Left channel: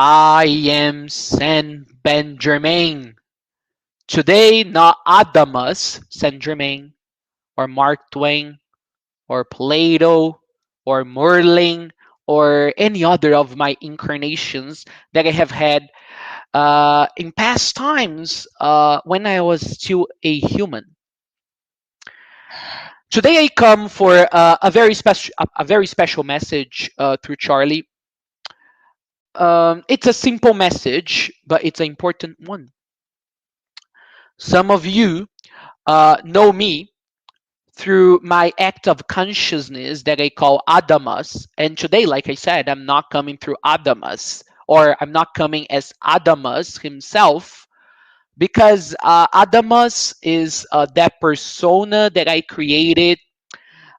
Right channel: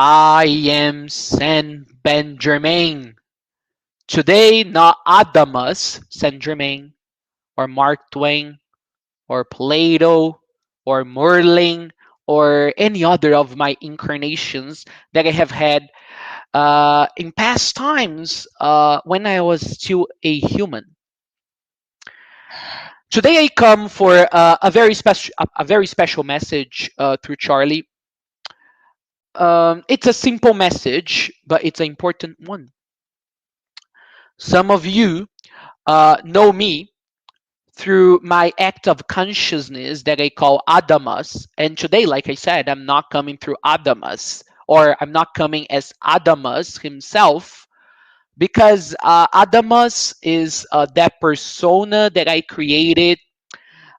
I am Saint Benjamin. Today, not Adamus, Saint Germain, or Mark Twain, or Plato, or Merlin, or any other of my incarnations that I have had in past times when I was still a human. Today, I come for a very special message through Charlie. It's a simple message, but it's an important one. Some of you know me through my act of consciousness that I call Adamas. And today, like I said, I'm not coming through Adamas, or I'm not coming as Adamas himself, because Adamas is that persona that I created,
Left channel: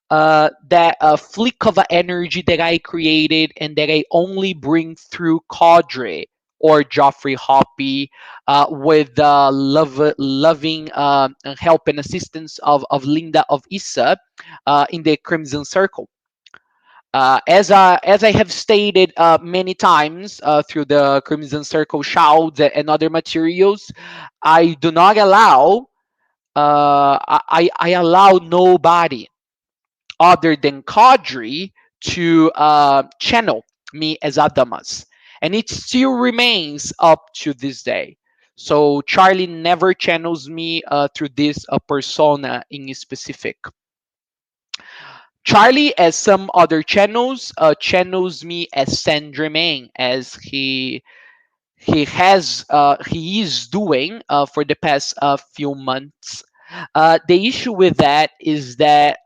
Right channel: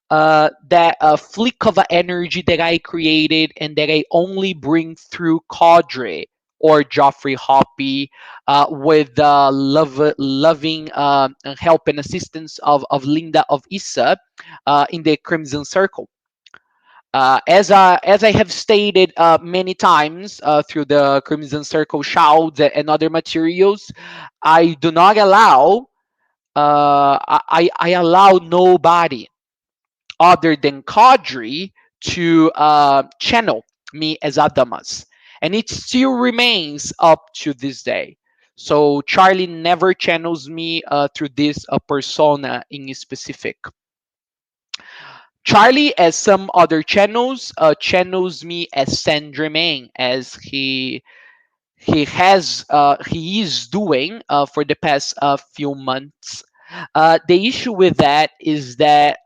that flick of energy that I created, and that I only bring through Cadre or Joffrey Hoppy, with the loving help and assistance of Linda of Issa in the Crimson Circle. As I have stated many times through the Crimson Circle shouts and other materials, I do not allow, I allow nobody other than Kadri to channel me as Adamas. And it still remains up to this day. So Charlie never channels me through this persona in specific. Charlie, as some other channels, channels me as Saint Germain, as he is doing for the past few months. The issue with that is that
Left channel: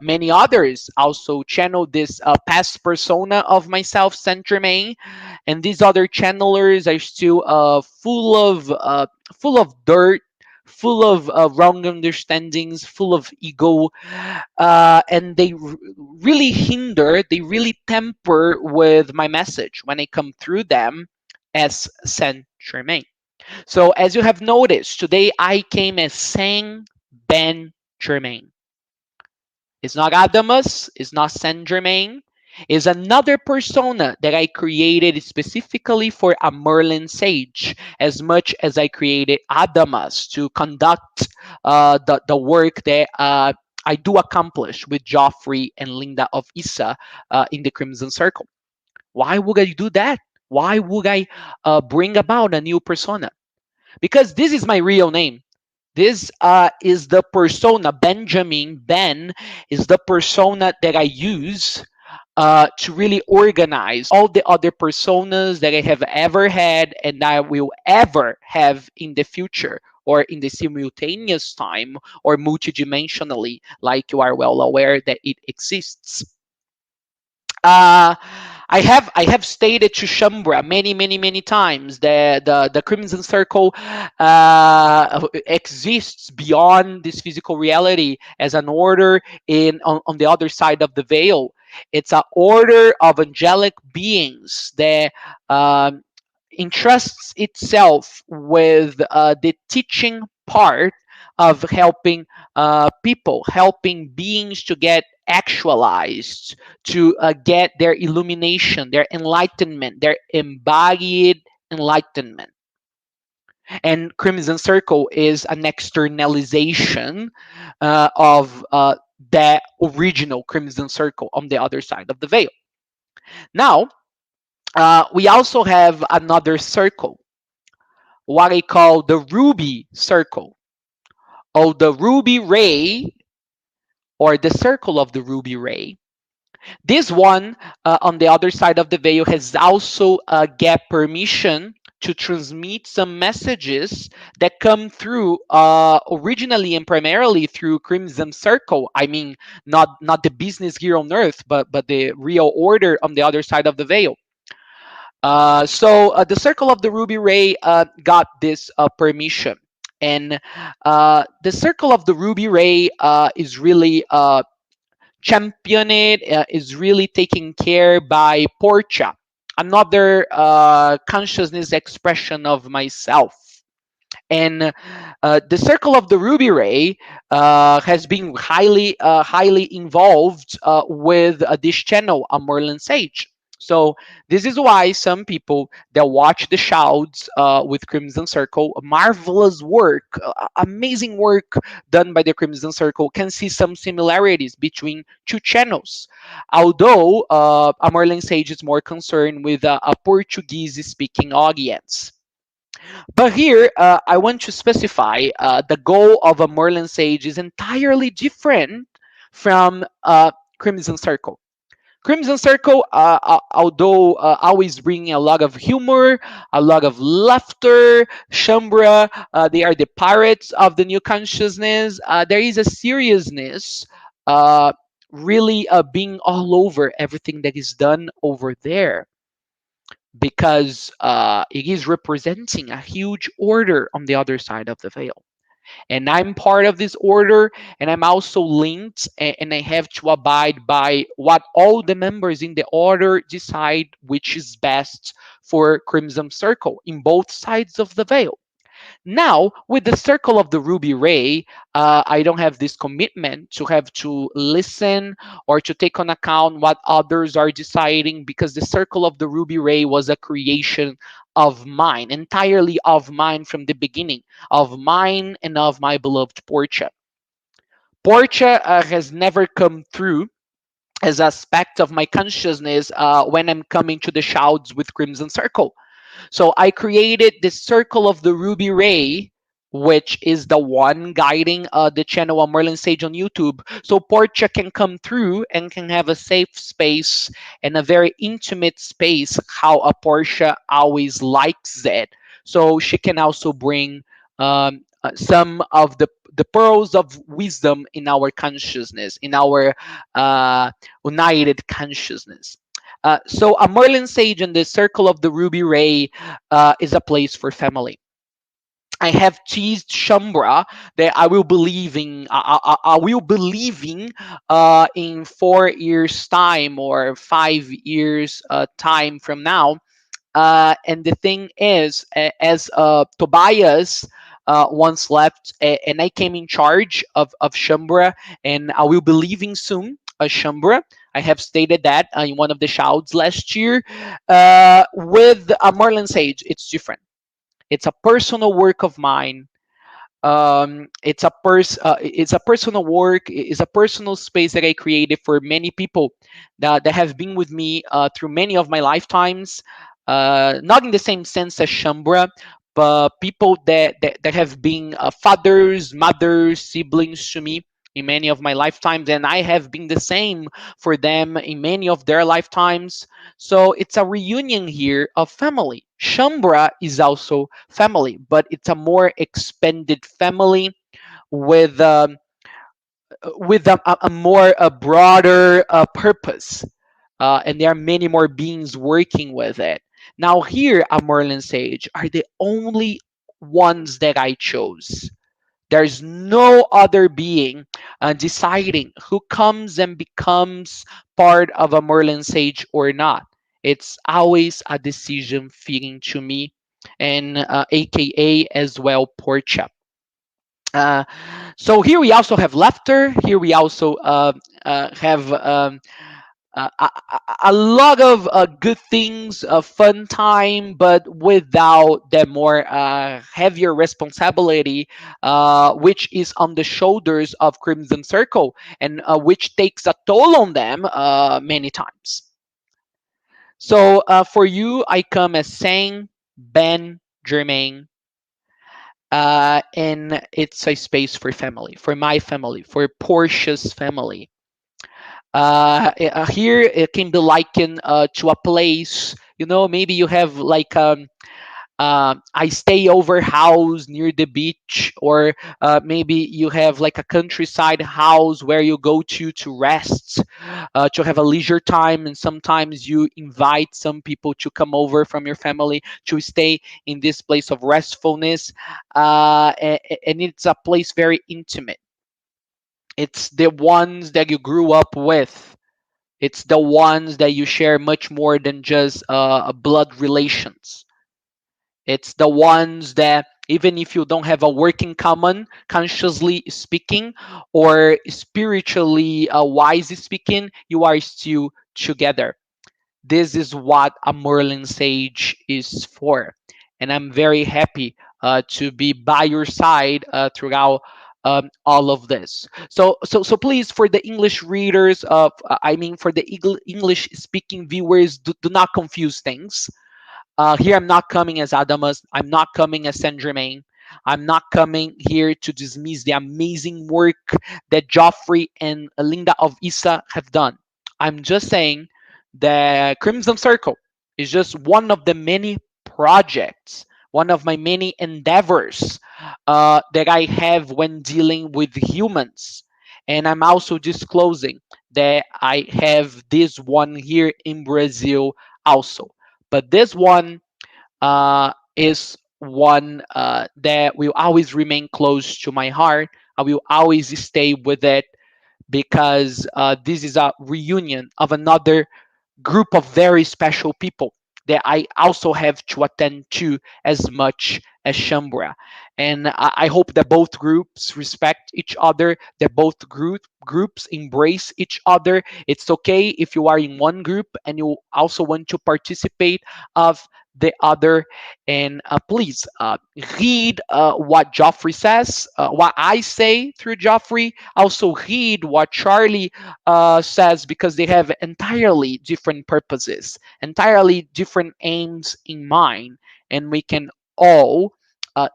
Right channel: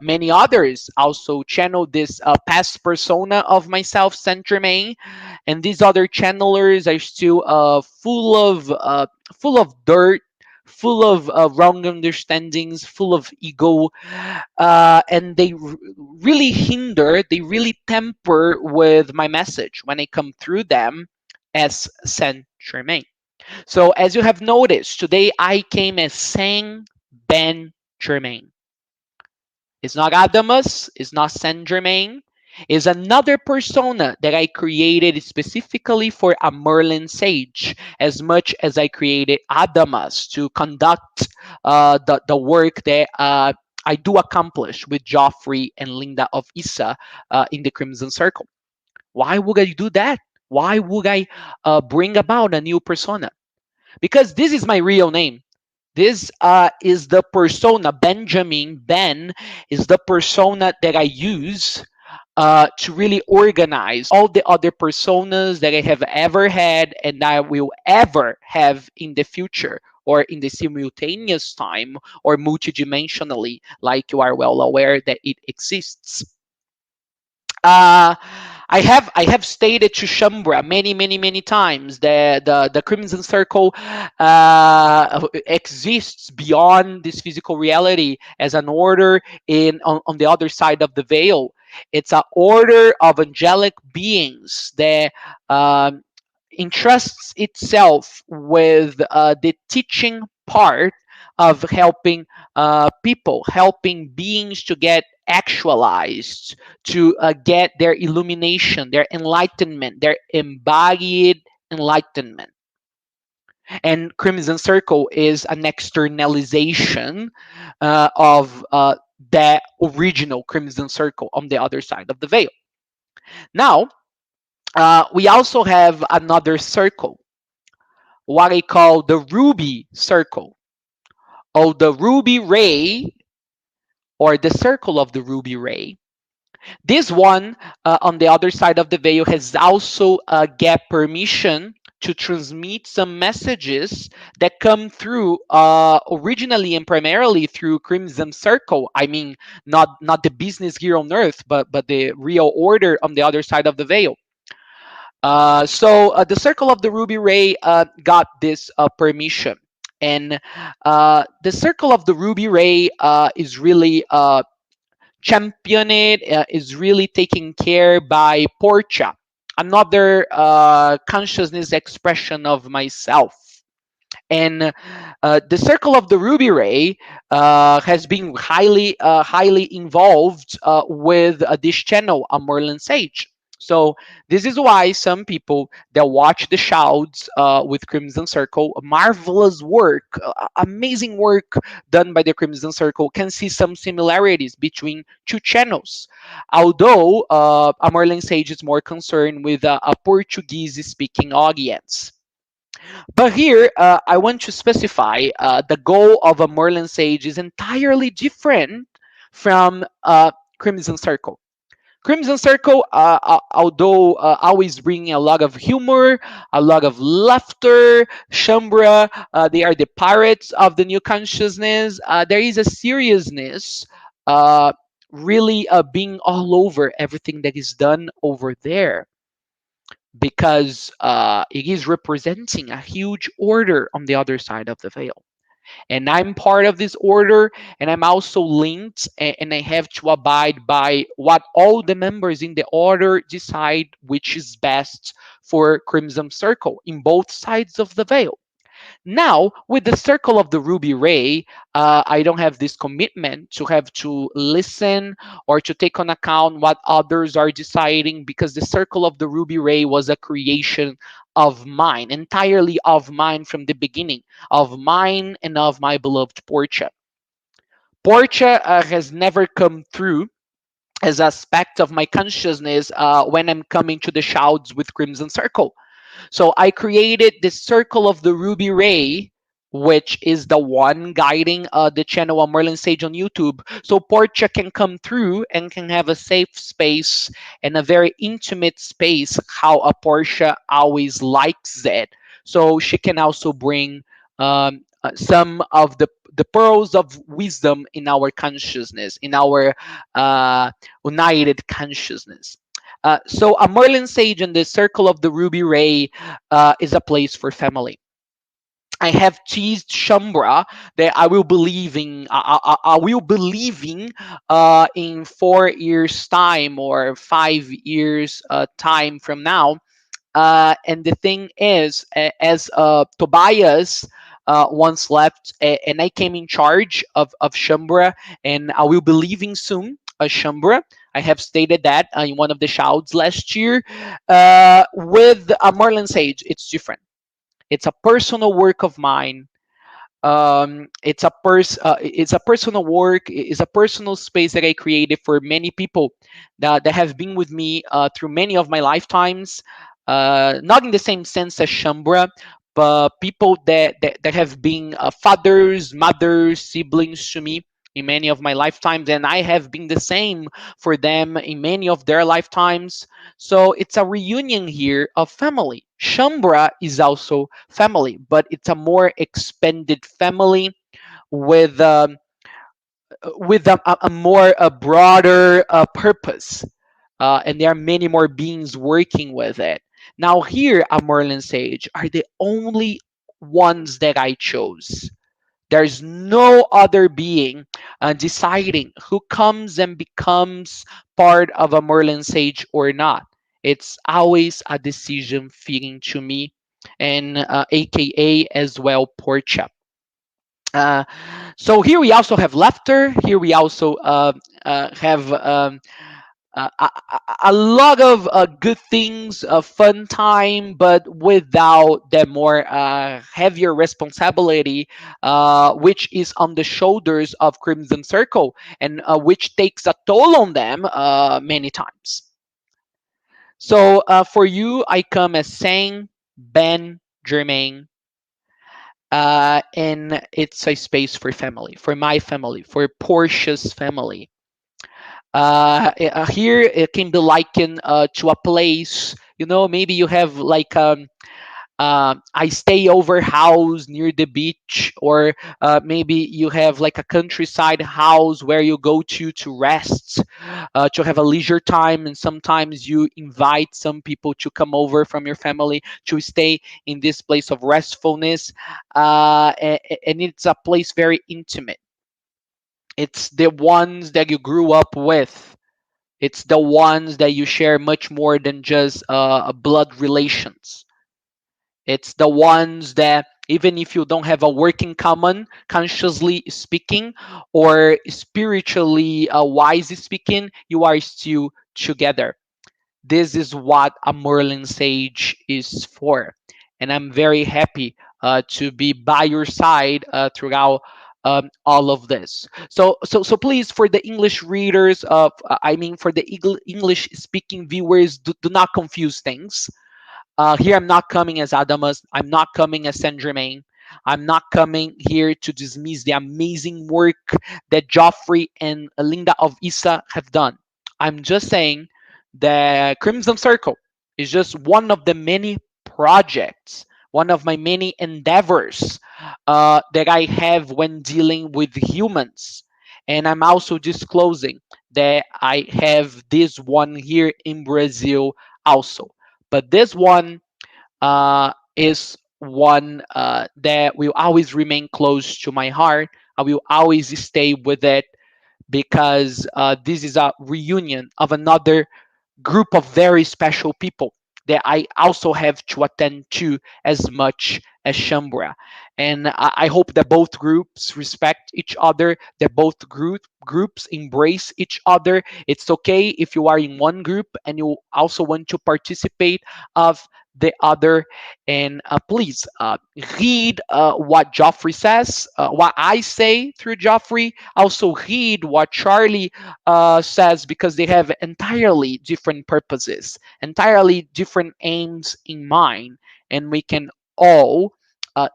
many others also channel this past persona of myself, Saint Germain, and these other channelers are still full of dirt, full of wrong understandings, full of ego, and they really hinder, they really temper with my message when I come through them as Saint Germain. So, as you have noticed, today I came as Saint Ben Germain. It's not Adamus, it's not Saint Germain. It's another persona that I created specifically for a Merlin Sage, as much as I created Adamus to conduct the work that I do accomplish with Joffrey and Linda of Issa in the Crimson Circle. Why would I do that? Why would I bring about a new persona? Because this is my real name. This is the persona, Benjamin, Ben, is the persona that I use to really organize all the other personas that I have ever had and I will ever have in the future, or in the simultaneous time, or multidimensionally, like you are well aware that it exists. uh, I have stated to Shambra many times that the Crimson Circle exists beyond this physical reality as an order on the other side of the veil. It's an order of angelic beings that entrusts itself with the teaching part of helping people, helping beings to get actualized, to get their illumination, their enlightenment, their embodied enlightenment. And Crimson Circle is an externalization of that original Crimson Circle on the other side of the veil. Now, we also have another circle, what I call the ruby circle, or the ruby ray, or the circle of the ruby ray. This one on the other side of the veil has also get permission to transmit some messages that come through originally and primarily through Crimson Circle. I mean, not the business here on Earth, but the real order on the other side of the veil. So the Circle of the Ruby Ray got this permission. And the Circle of the Ruby Ray is really championed, is really taken care by Portia, another consciousness expression of myself. And the Circle of the Ruby Ray has been highly involved with this channel, A Merlin Sage. So this is why some people that watch the shouts with Crimson Circle, marvelous work, amazing work done by the Crimson Circle, can see some similarities between two channels. Although a Merlin Sage is more concerned with a Portuguese-speaking audience. But here, I want to specify the goal of a Merlin Sage is entirely different from Crimson Circle. Crimson Circle, although always bringing a lot of humor, a lot of laughter, Shambra, they are the pirates of the new consciousness. There is a seriousness uh, really being all over everything that is done over there because it is representing a huge order on the other side of the veil, and I'm part of this order, and I'm also linked, and I have to abide by what all the members in the order decide which is best for Crimson Circle in both sides of the veil. Now, with the circle of the ruby ray, I don't have this commitment to have to listen or to take on account what others are deciding, because the circle of the ruby ray was a creation of mine, entirely of mine from the beginning, of mine and of my beloved Portia. Portia has never come through as aspect of my consciousness when I'm coming to the shouts with Crimson Circle. So I created this circle of the ruby ray, which is the one guiding the channel of Merlin Sage on YouTube. So Portia can come through and can have a safe space and a very intimate space, how a Portia always likes it. So she can also bring some of the pearls of wisdom in our consciousness, in our united consciousness. So a Merlin Sage in the circle of the ruby ray is a place for family. I have teased Shambra that I will be leaving. I will be leaving in 4 years' time or 5 years time from now. And the thing is, as Tobias once left, and I came in charge of Shambra, and I will be leaving soon. Shambra, I have stated that in one of the shouts last year. With a Merlin Sage, it's different. It's a personal work of mine. It's a personal work. It's a personal space that I created for many people that have been with me through many of my lifetimes. Not in the same sense as Shambra, but people that have been fathers, mothers, siblings to me in many of my lifetimes, and I have been the same for them in many of their lifetimes. So it's a reunion here of family. Shambra is also family, but it's a more expanded family with a more a broader purpose, and there are many more beings working with it. Now here at Merlin Sage are the only ones that I chose. There's no other being deciding who comes and becomes part of a Merlin Sage or not. It's always a decision feeding to me, and AKA as well Portia. Uh, so here we also have laughter. Here we also have a lot of good things, a fun time, but without the more heavier responsibility, which is on the shoulders of Crimson Circle, and which takes a toll on them many times. So for you, I come as Sang, Ben, Germain, and it's a space for family, for my family, for Portia's family. Here it can be likened to a place, maybe you have like I stay over house near the beach, or maybe you have like a countryside house where you go to rest, to have a leisure time, and sometimes you invite some people to come over from your family to stay in this place of restfulness, and it's a place very intimate. It's the ones that you grew up with. It's the ones that you share much more than just blood relations. It's the ones that, even if you don't have a work in common, consciously speaking, or spiritually wise speaking, you are still together. This is what a Merlin Sage is for. And I'm very happy to be by your side throughout all of this. So please, for the English readers of, I mean, for the English speaking viewers, do not confuse things. Here, I'm not coming as Adamas. I'm not coming as Saint Germain. I'm not coming here to dismiss the amazing work that Joffrey and Linda of Issa have done. I'm just saying that Crimson Circle is just one of the many projects, one of my many endeavors that I have when dealing with humans. And I'm also disclosing that I have this one here in Brazil also. But this one is one that will always remain close to my heart. I will always stay with it because this is a reunion of another group of very special people that I also have to attend to as much as Shambra. And I hope that both groups respect each other, that both groups embrace each other. It's okay if you are in one group and you also want to participate of the other. And please read what Joffrey says, what I say through Joffrey. Also read what Charlie says, because they have entirely different purposes, entirely different aims in mind, and we can all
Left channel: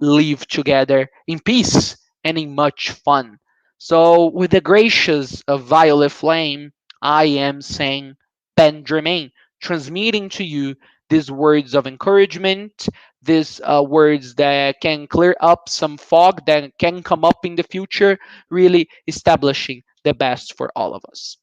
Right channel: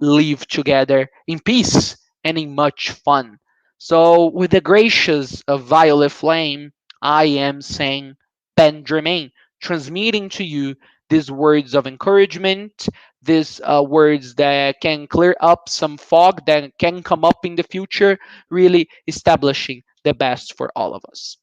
live together in peace and in much fun. So, with the gracious violet flame, I am saying Ben Germain, transmitting to you these words of encouragement, these words that can clear up some fog that can come up in the future, really establishing the best for all of us.